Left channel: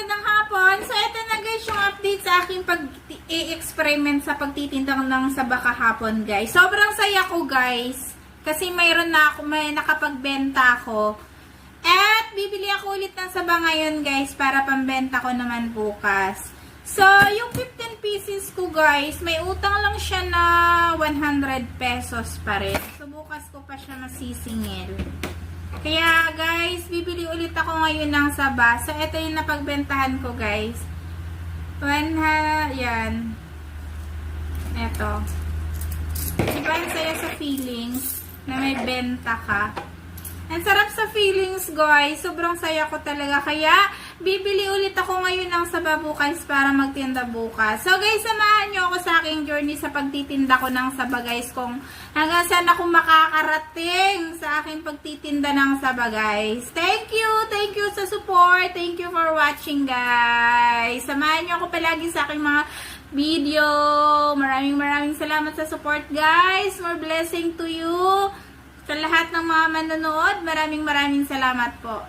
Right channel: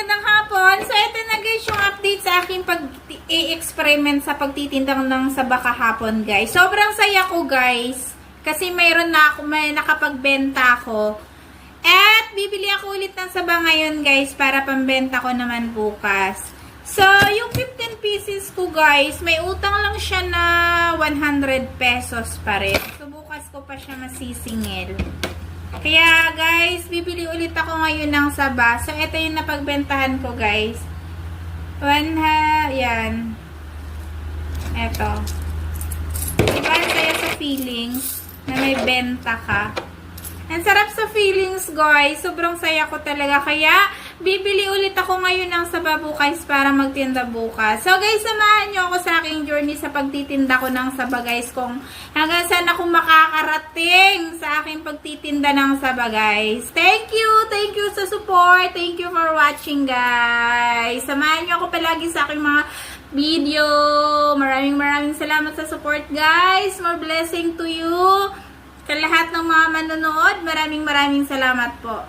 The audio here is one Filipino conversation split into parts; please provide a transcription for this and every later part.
magandang hapon. So, ito na guys yung update sa aking pag-i-experiment sa pagtitinda ng saba kahapon guys. Sobrang saya ko guys. Kasi may nakapagbenta ako. At bibili ako ulit ng saba ngayon guys para pambenta ko naman bukas. So, yung 15 pieces ko guys, may utang lang siya na 100 pesos pa rin. So, bukas ko pa siya masisingil. Kaya guys, bibili ulit ako ngayon ng saba. So, ito yung napagbentahan ko guys. Yan. Ito. Diba, ang saya sa feelings na may benta ka. Ang sarap sa feelings guys. Sobrang saya ko talaga. Kaya, bibili ulit ako ngayon ng saba bukas para magtinda bukas. So guys, samahan nyo ako sa aking journey sa pagtitinda ko ng saba guys. Kung hanggang saan ako makakarating sa aking pagtitinda ng saba guys. Thank you! Thank you sa support. Thank you for watching guys. Samahan nyo ako palagi sa aking mga video. Maraming salamat sa support guys. More blessing to you. Sa lahat ng mga manonood, maraming salamat po.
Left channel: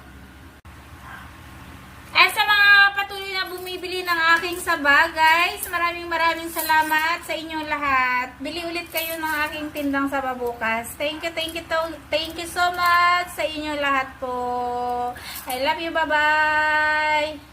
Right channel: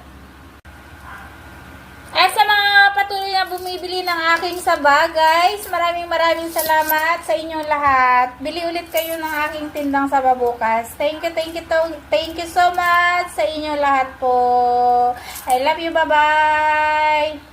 Sa mga patuloy na bumibili ng aking saba, guys, maraming salamat sa inyong lahat. Bili ulit kayo ng aking tindang saba bukas. Thank you so much sa inyong lahat po. I love you, bye-bye!